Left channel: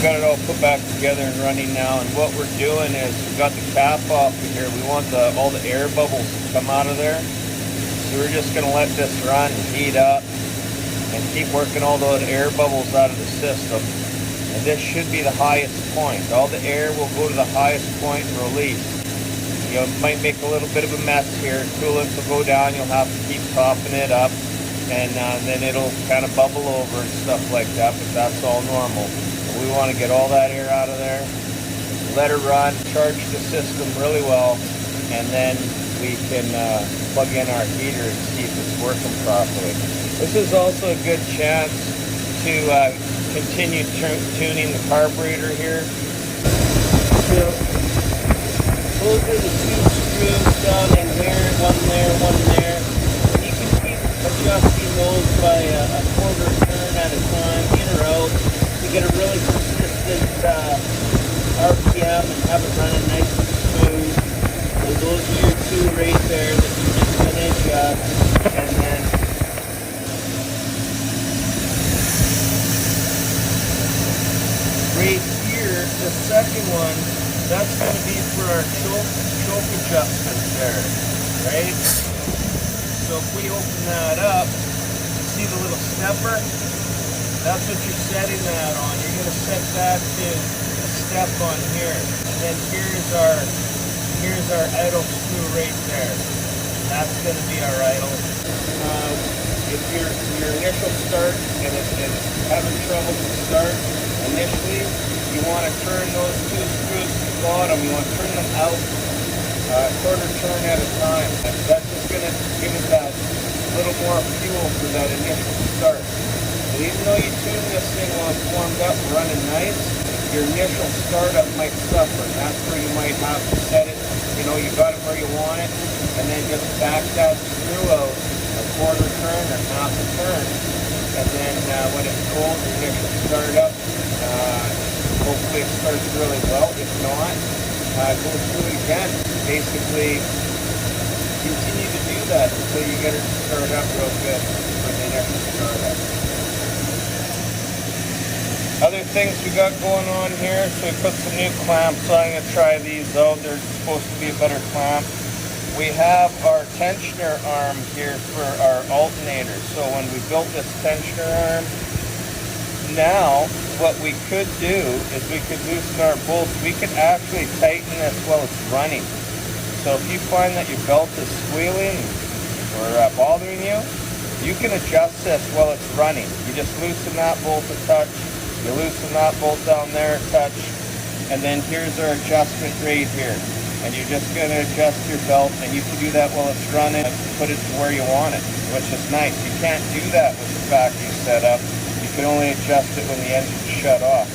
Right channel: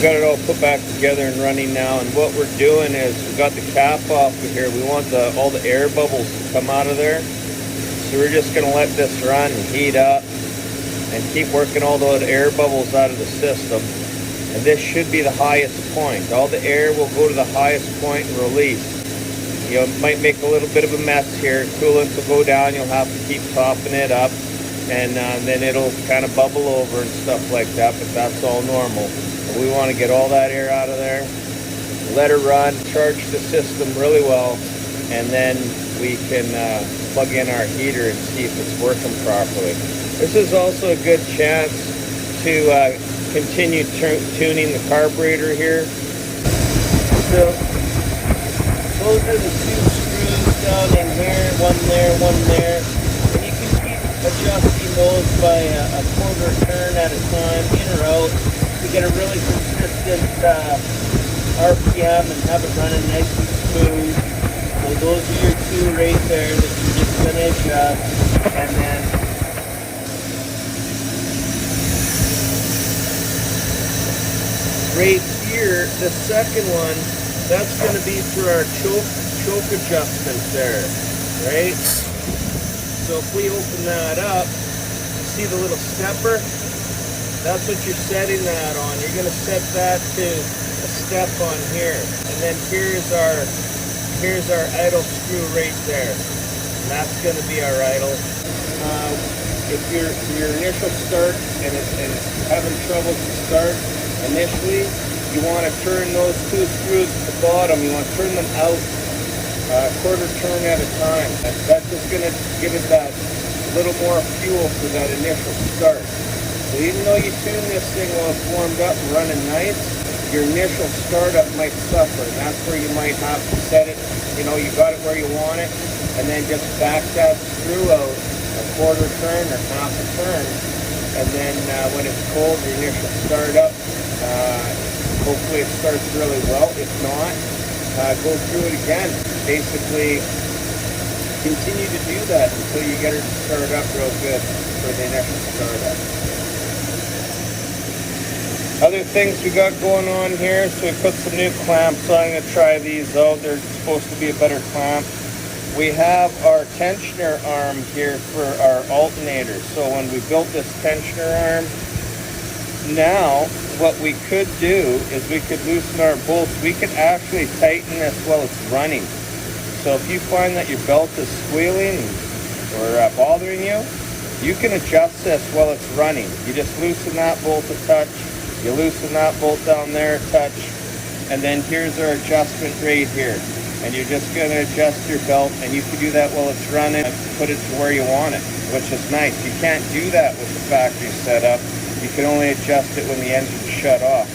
got it all put back together and running now, and what we're doing is we've got the cap off of here. We want all the air bubbles to come out of there. So we're just going to let this run and heat up and keep working all those air bubbles out of the system. And this should be the highest point. All the air will go to the highest point and release. You know, it might make a little bit of a mess here. Coolant will go down. You'll have to keep topping it up. And then it'll kind of bubble over and stuff like that, but that's all normal. But we want to get all that air out of there, let her run, charge the system really well, and then we can plug in our heater and see if it's working properly. This is also a good chance to continue tuning the carburetor here. So those are the two screws down in here, one there, one there. You can keep adjusting those by a quarter turn at a time, in or out, to get a really consistent RPM and have it running nice and smooth. So those are your two right there that you just finish up, and then right here, the second one, that's going to be for our choke adjustments there, right? So if we open that up, see the little stepper? That's what you're setting that on. You're going to set that to a step on here. And then here's our idle screw right there. And that's going to be our idle. If your initial start and having trouble to start initially, you want to turn those two screws to the bottom. You want to turn them out quarter turn at a time. That's just going to give it that little more fuel for that initial start. So even though you tune this thing while it's warmed up and running nice, your initial startup might suffer. That's where you might have to set it, you know, you got it where you want it, and then just back that screw out a quarter turn or half a turn, and then when it's cold, your initial startup, hopefully it starts really well. If not, go through it again. Basically, continue to do that until you get it started up real good for the initial startup. Other things we got going on here, so we put some new clamps on. I'm going to try these out. They're supposed to be a better clamp. We have our tensioner arm here for our alternator. So when we built this tensioner arm, now what we could do is we could loosen our bolts. We could actually tighten this while it's running. So if you find that your belt is squealing or bothering you, you can adjust this while it's running. You just loosen that bolt a touch, you loosen that bolt down there a touch, and then here's our adjustment right here. And you're just going to adjust your belt, and you can do that while it's running and put it to where you want it, which is nice. You can't do that with the factory setup. You can only adjust it when the engine's shut off.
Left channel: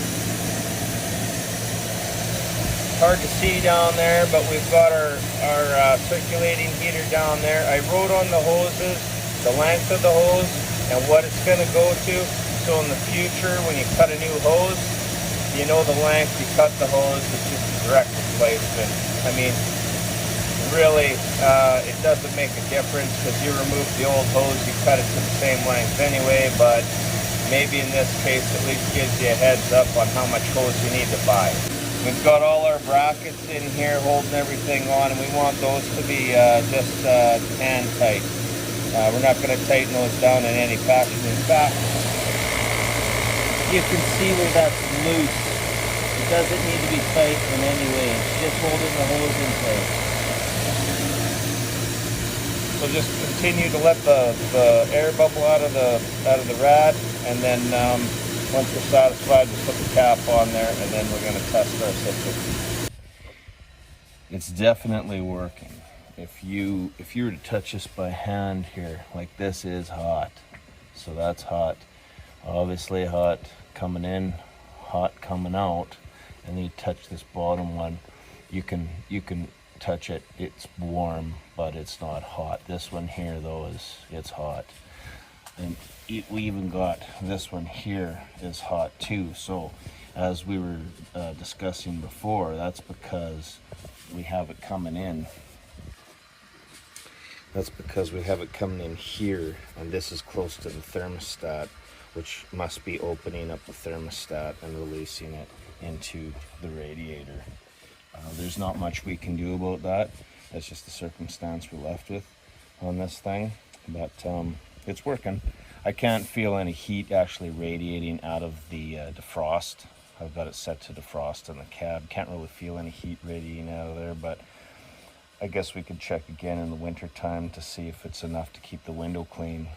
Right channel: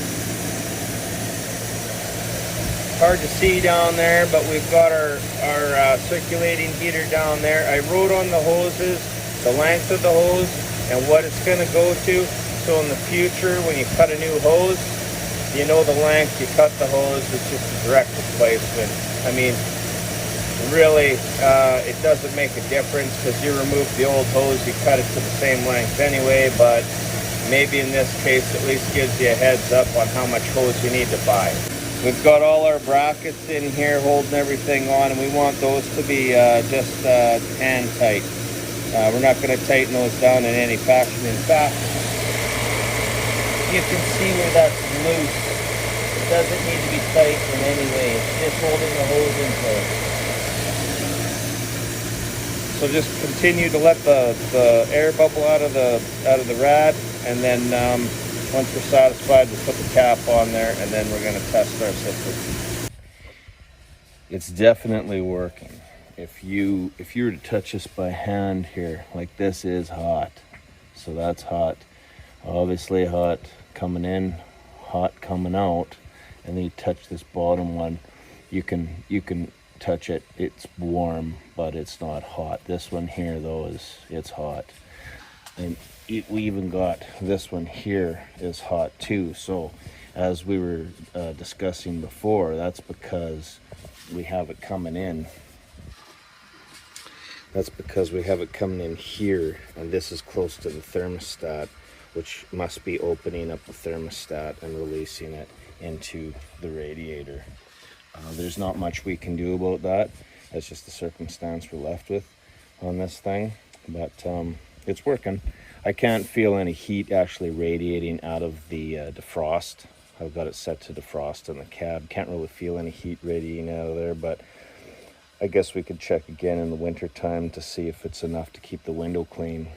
Hard to see down there, but we've got our circulating heater down there. I wrote on the hoses the length of the hose and what it's going to go to, so in the future when you cut a new hose, you know the length you cut the hose. It's just a direct replacement. I mean, really, it doesn't make a difference because you remove the old hose, you cut it to the same length anyway, but maybe in this case at least gives you a heads up on how much hose you need to buy. We've got all our brackets in here holding everything on, and we want those to be just hand tight. We're not going to tighten those down in any fashion. In fact, you can see where that's loose. It doesn't need to be tight in any way. It's just holding the hose in place. So just continue to let the air bubble out of the rad, and then once we're satisfied, we'll put the cap on there, and then we're going to test our system. It's definitely working. If you were to touch this by hand here, like this is hot, so that's hot. Obviously hot coming in, hot coming out, and then you touch this bottom one. You can touch it. It's warm, but it's not hot. This one here though it's hot, and we even got this one here is hot too. So as we were discussing before, that's because we have it coming in. That's because we have it coming in here, and this is close to the thermostat. which must be opening up the thermostat and releasing it into the radiator. There's not much we can do about that. That's just the circumstance we're left with on this thing, but it's working. I can't feel any heat actually radiating out of the defrost. I've got it set to defrost in the cab. Can't really feel any heat radiating out of there, but I guess we could check again in the winter time to see if it's enough to keep the window clean.